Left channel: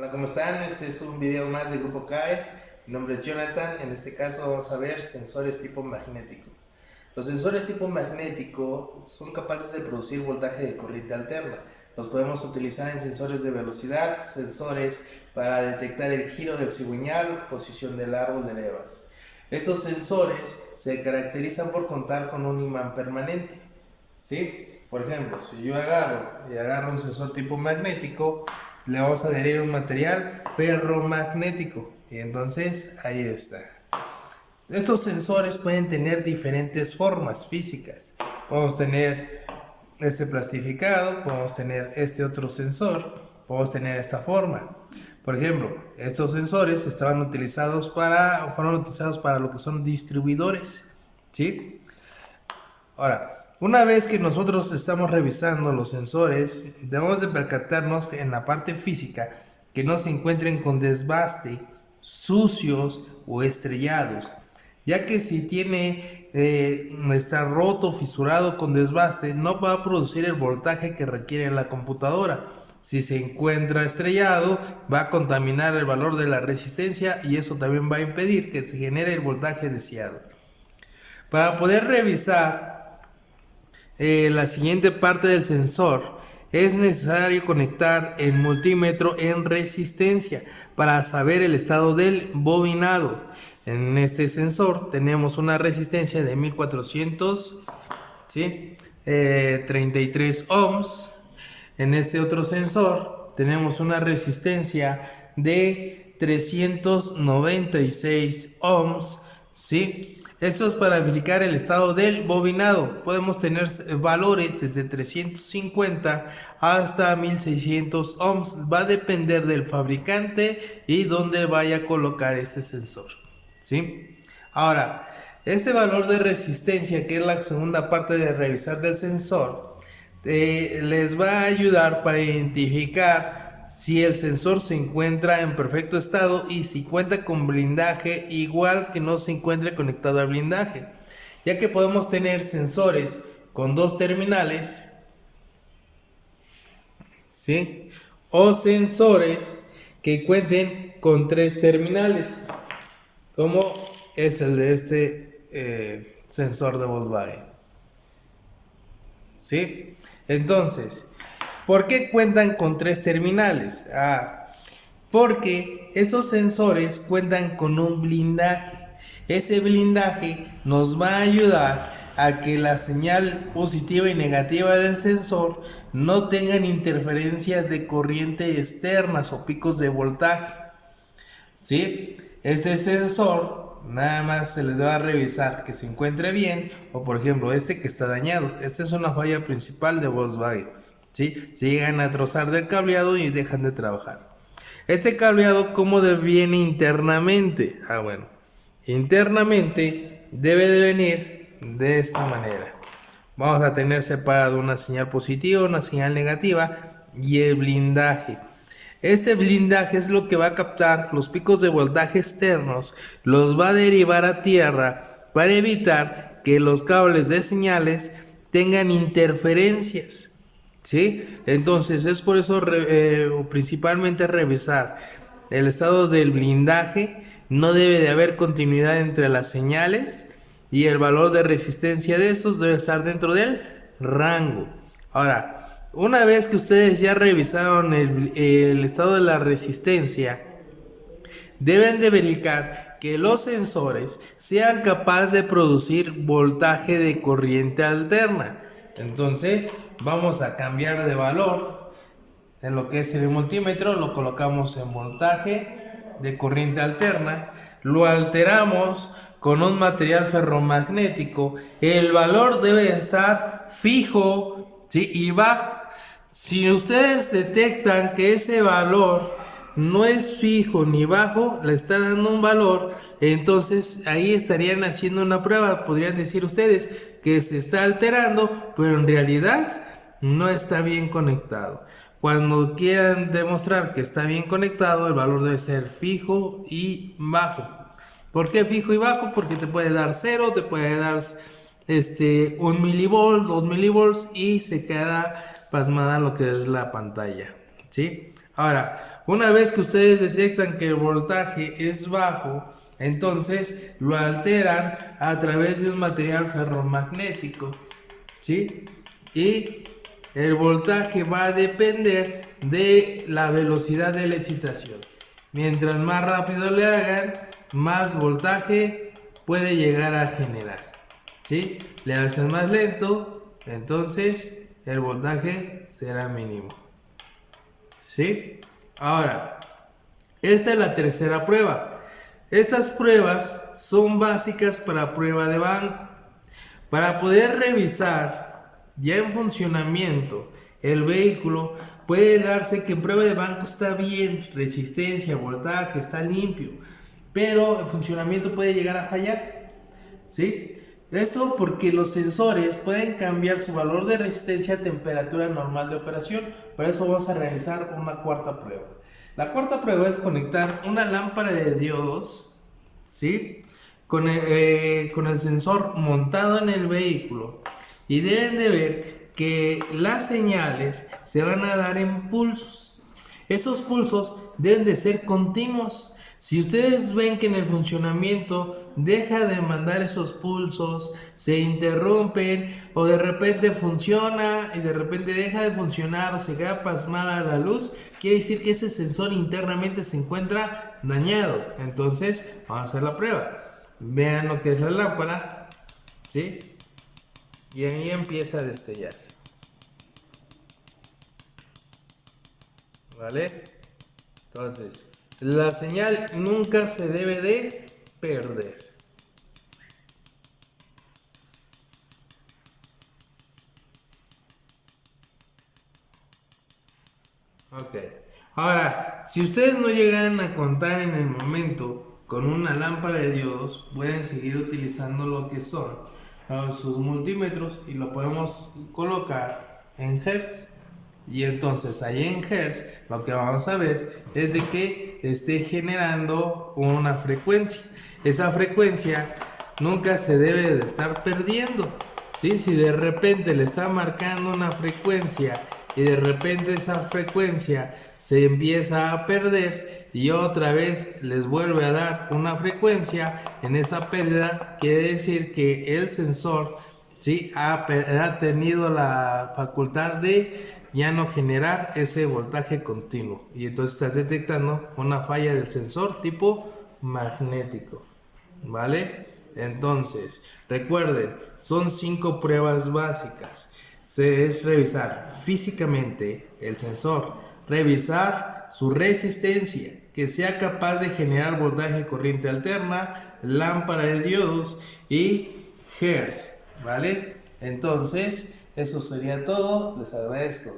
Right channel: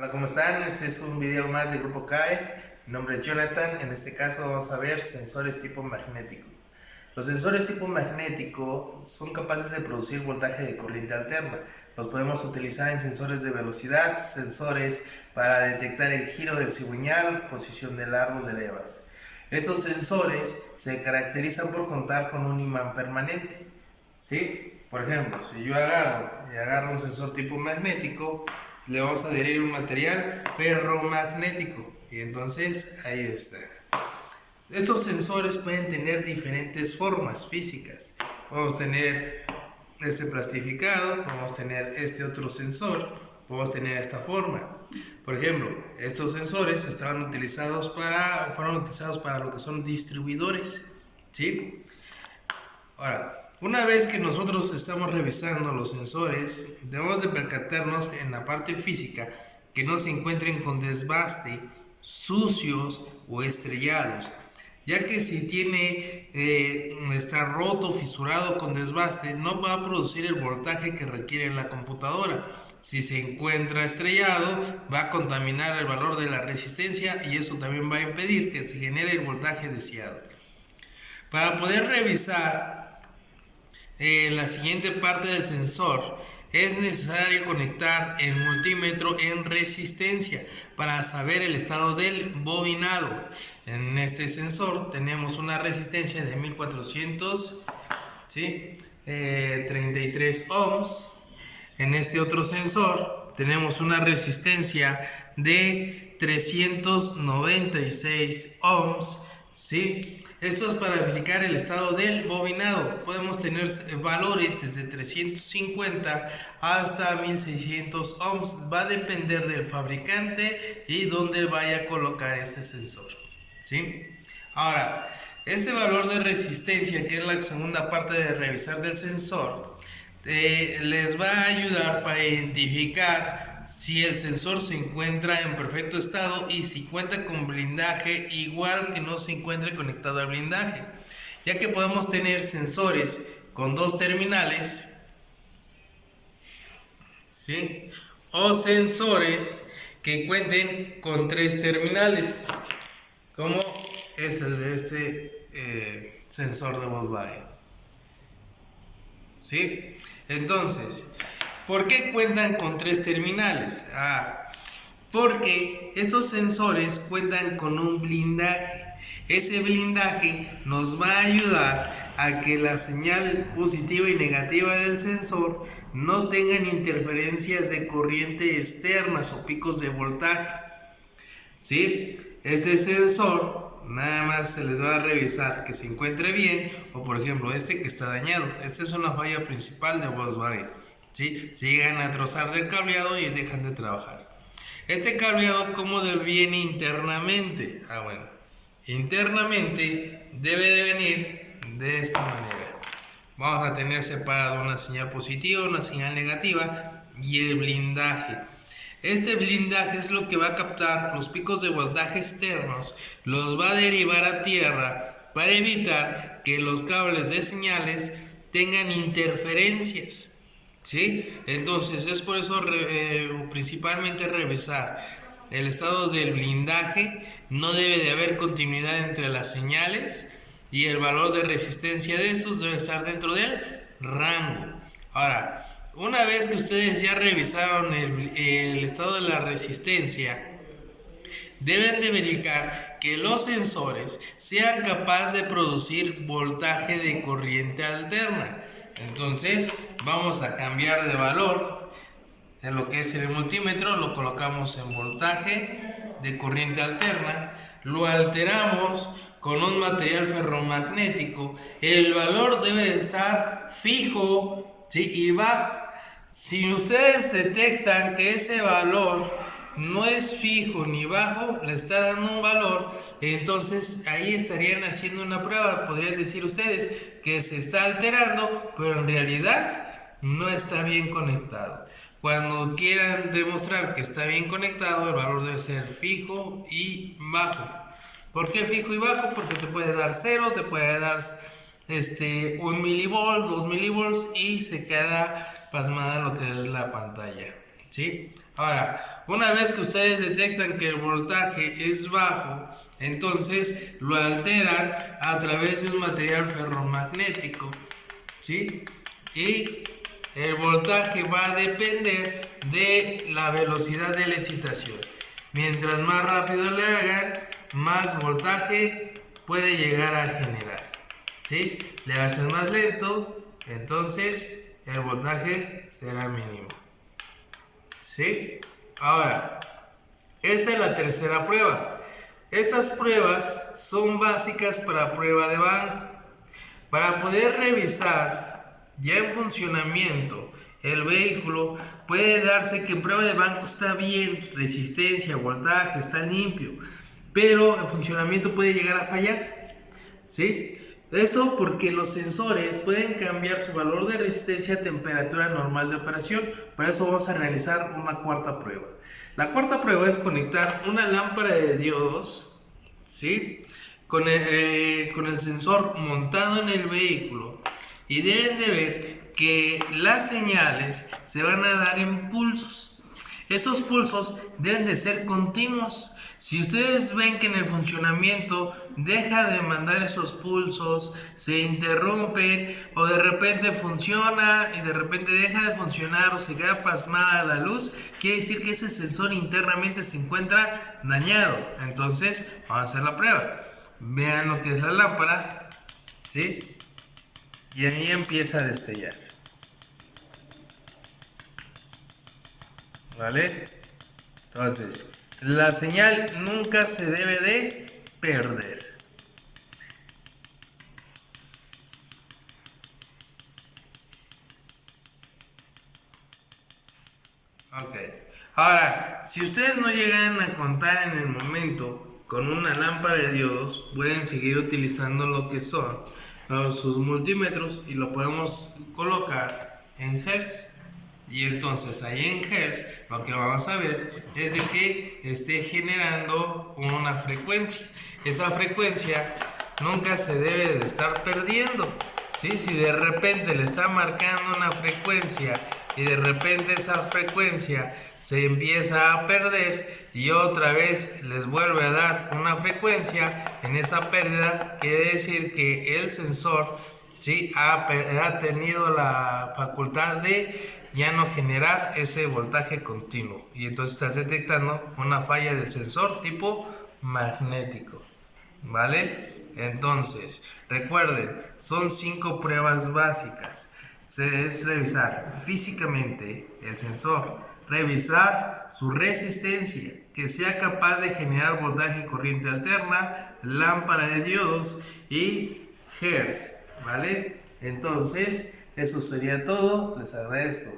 Hola, ¿cómo están? Este es un video más de Grupo CAE. Mi nombre es Jonathan. En este caso vamos a ver sensores tipo magnético. Los sensores tipo magnético son capaces de producir voltaje de corriente alterna. Los podemos utilizar en sensores de velocidad, sensores para detectar el giro del cigüeñal, posición del árbol de levas. Estos sensores se caracterizan por contar con un imán permanente. ¿Sí? Por ejemplo, si yo agarro un sensor tipo magnético, le vamos a adherir un material ferromagnético y entonces ahí está. Estos sensores pueden tener diferentes formas físicas. Podemos tener este plastificado, podemos tener este otro sensor, podemos tener esta forma. Por ejemplo, estos sensores fueron utilizados para lo que son distribuidores, ¿sí? Ahora, una vez que nosotros estamos revisando los sensores, debemos de percatarnos en la parte física que no se encuentren con desbaste, sucios o estrellados, ya que si está roto, fisurado con desbaste, no va a producir el voltaje que requiere la computadora. Si se encuentra estrellado, va a contaminar el valor de la resistencia y eso también va a impedir que se genere el voltaje deseado. Para poder revisar la siguiente parte del sensor, es necesario conectar el multímetro en resistencia para saber el estado del bobinado. En este sensor tenemos una resistencia de 1400, ¿sí? 33 ohms. En este otro sensor tenemos una resistencia de 396 ohms, ¿sí? Esto es para verificar el estado del bobinado. Podemos tener valores desde 350 hasta 1600 ohms. Va a depender del fabricante y dónde vaya a colocar este sensor, ¿sí? Ahora, este valor de resistencia, que es la segunda parte de revisar del sensor, les va a ayudar para identificar si el sensor se encuentra en perfecto estado y si cuenta con blindaje, igual que no se encuentre conectado al blindaje, ya que podemos tener sensores con dos terminales, ¿sí? O sensores que cuenten con tres terminales, como es el de este sensor de Volkswagen, ¿sí? Entonces, ¿por qué cuentan con tres terminales? Porque estos sensores cuentan con un blindaje. Ese blindaje nos va a ayudar a que la señal positiva y negativa del sensor no tengan interferencias de corriente externas o picos de voltaje, ¿sí? Este sensor nada más se les va a revisar que se encuentre bien, o por ejemplo este que está dañado. Esta es una falla principal de Volkswagen, ¿sí? Se llegan a trozar del cableado y dejan de trabajar. Este cableado, ¿cómo viene internamente? Bueno, internamente debe de venir de esta manera. Vamos a tener separado una señal positiva, una señal negativa y el blindaje. Este blindaje es lo que va a captar los picos de voltaje externos, los va a derivar a tierra para evitar que los cables de señales tengan interferencias, ¿sí? Entonces es por eso principalmente revisar el estado del blindaje. No debe de haber continuidad entre las señales y el valor de resistencia de estos debe estar dentro del rango. Ahora, una vez que ustedes ya revisaron el estado de la resistencia, deben de verificar que los sensores sean capaces de producir voltaje de corriente alterna. Entonces vamos a cambiar de valor en lo que es el multímetro, lo colocamos en voltaje de corriente alterna, lo alteramos con un material ferromagnético. El valor debe estar fijo, ¿sí? Y bajo. Si ustedes detectan que ese valor no es fijo ni bajo, le está dando un valor, entonces ahí estarían haciendo una prueba. Podrían decir ustedes que se está alterando, pero en realidad no está bien conectado. Cuando quieran demostrar que está bien conectado, el valor debe ser fijo y bajo. ¿Por qué fijo y bajo? Porque te puede dar 0, te puede dar 1 milivolt, 2 milivolts y se queda pasmada lo que es la pantalla, ¿sí? ¿sí? Ahora, una vez que ustedes detectan que el voltaje es bajo, entonces lo alteran a través de un material ferromagnético, ¿sí? Y el voltaje va a depender de la velocidad de la excitación. Mientras más rápido le hagan, más voltaje puede llegar a generar, ¿sí? Le hacen más lento, entonces el voltaje será mínimo, ¿sí? Ahora, esta es la tercera prueba. Estas pruebas son básicas para prueba de banco. Para poder revisar ya en funcionamiento el vehículo, puede darse que en prueba de banco está bien, resistencia, voltaje, está limpio, pero el funcionamiento puede llegar a fallar, ¿sí? Esto porque los sensores pueden cambiar su valor de resistencia a temperatura normal de operación. Por eso vamos a realizar una cuarta prueba. La cuarta prueba es conectar una lámpara de diodos, ¿sí? Con el sensor montado en el vehículo, y deben de ver que las señales se van a dar en pulsos. Esos pulsos deben de ser continuos. Si ustedes ven que en el funcionamiento deja de mandar esos pulsos, se interrumpen o de repente funciona y de repente deja de funcionar o se queda pasmada la luz, quiere decir que ese sensor internamente se encuentra dañado. Entonces vamos a hacer la prueba. Vean lo que es la lámpara, ¿sí? Y ahí empieza a destellar, ¿vale? Entonces, la señal nunca se debe de perder. Ok. Ahora, si ustedes no llegan a contar en el momento con una lámpara de diodos, pueden seguir utilizando lo que son sus multímetros y lo podemos colocar en Hertz. Y entonces ahí en Hertz lo que vamos a ver es de que esté generando una frecuencia. Esa frecuencia nunca se debe de estar perdiendo, ¿sí? Si de repente le está marcando una frecuencia y de repente esa frecuencia se empieza a perder y otra vez les vuelve a dar una frecuencia, en esa pérdida quiere decir que el sensor, ¿sí?, ha tenido la facultad de ya no generar ese voltaje continuo, y entonces estás detectando una falla del sensor tipo magnético, ¿vale? Entonces, recuerden, son 5 pruebas básicas. Es revisar físicamente el sensor, revisar su resistencia, que sea capaz de generar voltaje corriente alterna, lámpara de diodos y Hertz, ¿vale? Entonces, eso sería todo. Les agradezco.